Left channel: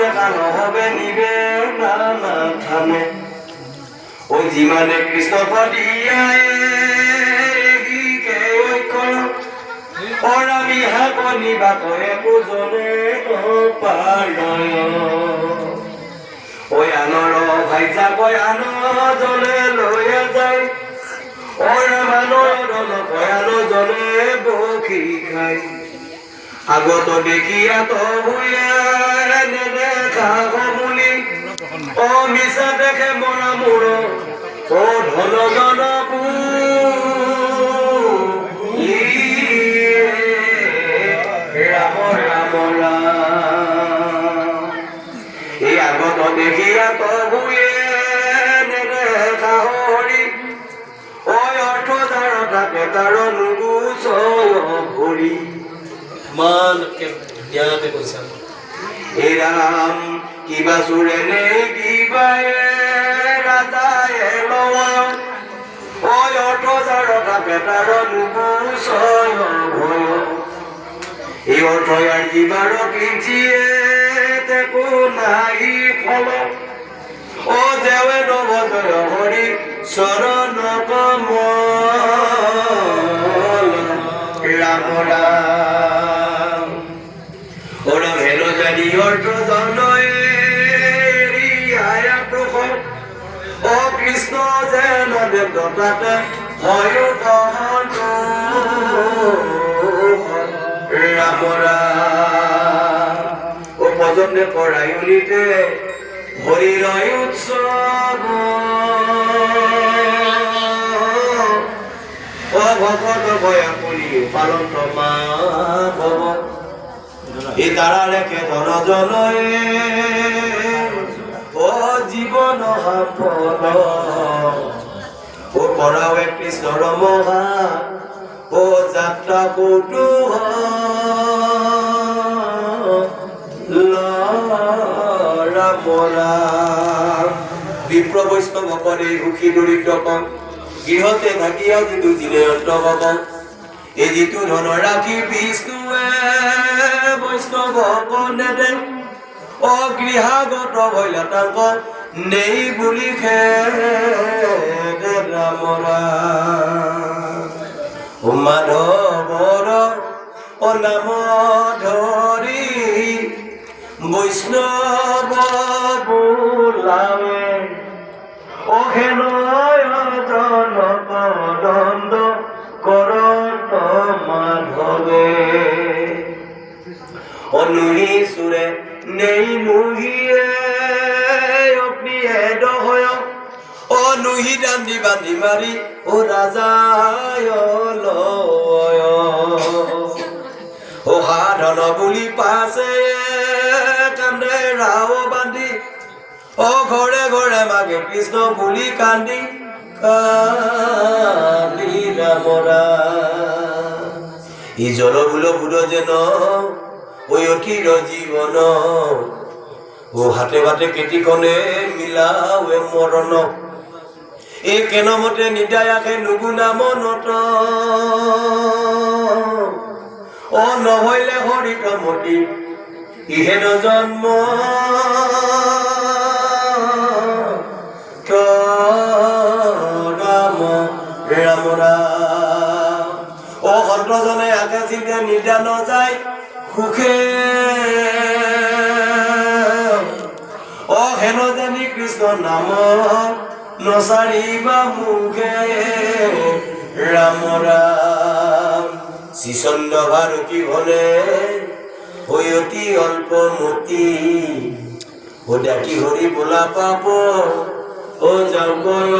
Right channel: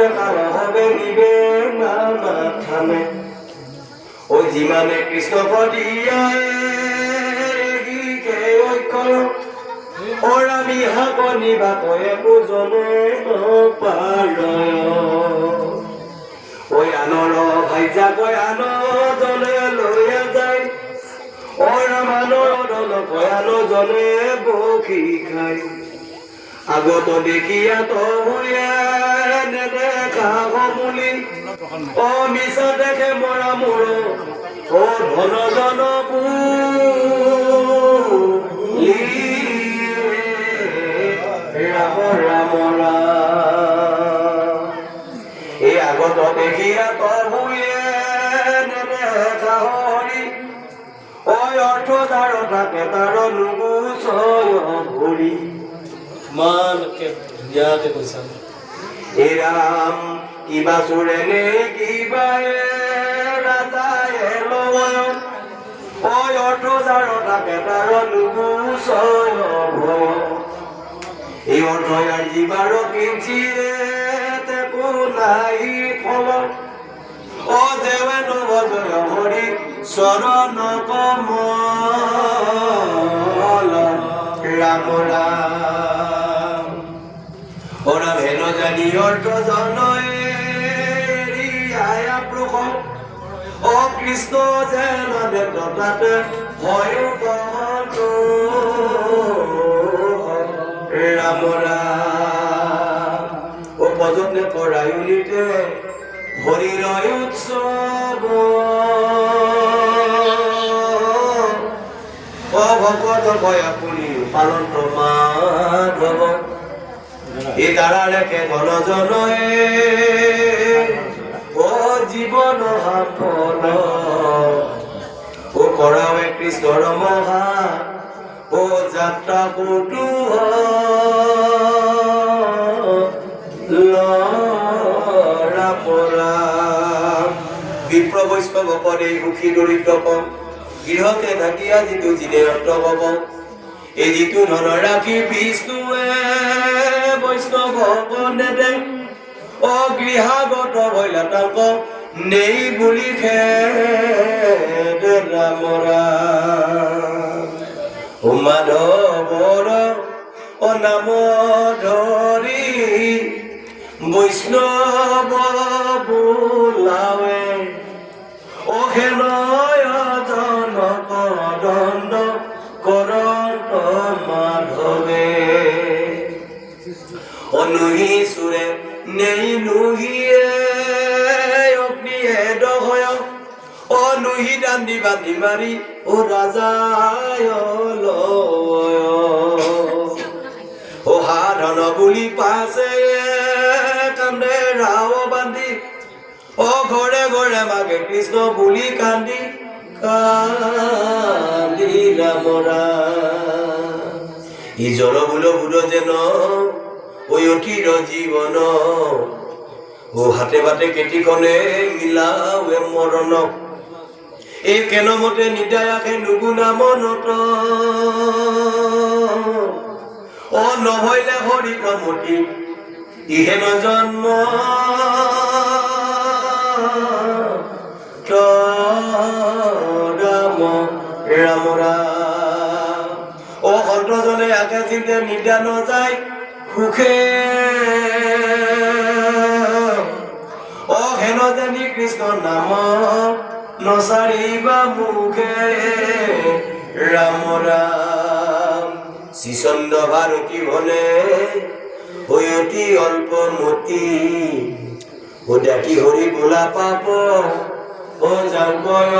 দেখা নহবে নিবে না নাথানে ওই যিমানে কৃষ্ণ পদিয়ায় ওৰা মিহা কনিবা কয়ে বুজনে পাৰয় ওই আনৰ ভাইজা কয় আন জনে লৈয়া যায় ওৰা মানৰ দল কয় আন জনে বখি খায় আগত দেখিয়া তো ভূঞা নেদেখা বুলি ও মিছা দেখে মৰা মোৰ ও ধন জন ৰাম ৰাম ৰাম এই আগত দেখিয়া তো ভূঞা নেদেখা হৰি ওই অৰ্থ তাৰ থাকে তাৰ নুগুচয় ভৰি মান के याद কৈছা এ ৰাম কিবা সুৰে নে কিবা ৰাতায়ে লয় ওই অৰ্থ যাৰ থাকে তাৰ নুগুচয় ভয় এই অৰ্থ ইয়াৰ জীৱাৰ কিঞ্চিয়ে তেকো নাই ফল ও দেৱে নভজয় হৰি চৰণ কমল ৰাম ৰাম ওরা ভেলো জানি অর্থ জনয় আয়া প্রভু ও কৃষ্ণ যেন দেবতাতে হয় কহন রাম রাম ও ভজনে পড়াইলিতে হরির উৎসব ও ভগত ভয়া পুরি পালন প্রমাধব এ তারা লেখে ধন জনয়ে ও জীবন হাফল ও করাবে কৃষ্ণর মহা ও যাত্রা কৌতুহ বিপ্র বৈষ্ণৱ পদে সুখী দৰিদ্ৰ কম গৃহতে থাকিয়া যিটো জিনে অন্তভৱ এই যিটো ধন ৰাখি বিষ্ণুৱে বৈষ্ণৱ নেদে ও গৃহাগত হইলা তাক নেই বুলি ৰাম ৰাম ও মাধৱৰ ও নাম ধৰি বৈষ্ণৱ বোলাৱে ও হেনয় জনক দণ্ড করত মাধবে অনুহি সুরে নেই নুহিয়ে অগ্নিয়ে দহয় ও নুহি দান্দি বান্ধি মারি ও রাজায় লয় ও হাধন বুলি পাছে কান্দে ৰাও বান্ধি ও ঘৰে ঘৰে মাগে কৃষ্ণ বুলি কান্দি কালি রাম রাম ই জল বুল বুড় যেন ওই অঠির জীবন ও হাতে বাটে কেটিকনে মিলাৱে মৰণ এই কেন মতে নিদায়াকে নুগুণা মনত ও নহৈলে হৰি কমতি ইহেন জন্ম ৰাম ৰাম ও সন্তজনে আগে চিন্তে নিদান যায় সুখে ও হেন জানি কৃষ্ণ নাম নচাৰিবা মুখে ৰাম ৰাম শ্ৰীচন্দ্ৰ ভাৰতী হলে হৈ অতি অল্প মতি ও ডাকি হৰি বোলা পাপ ও যাও কয়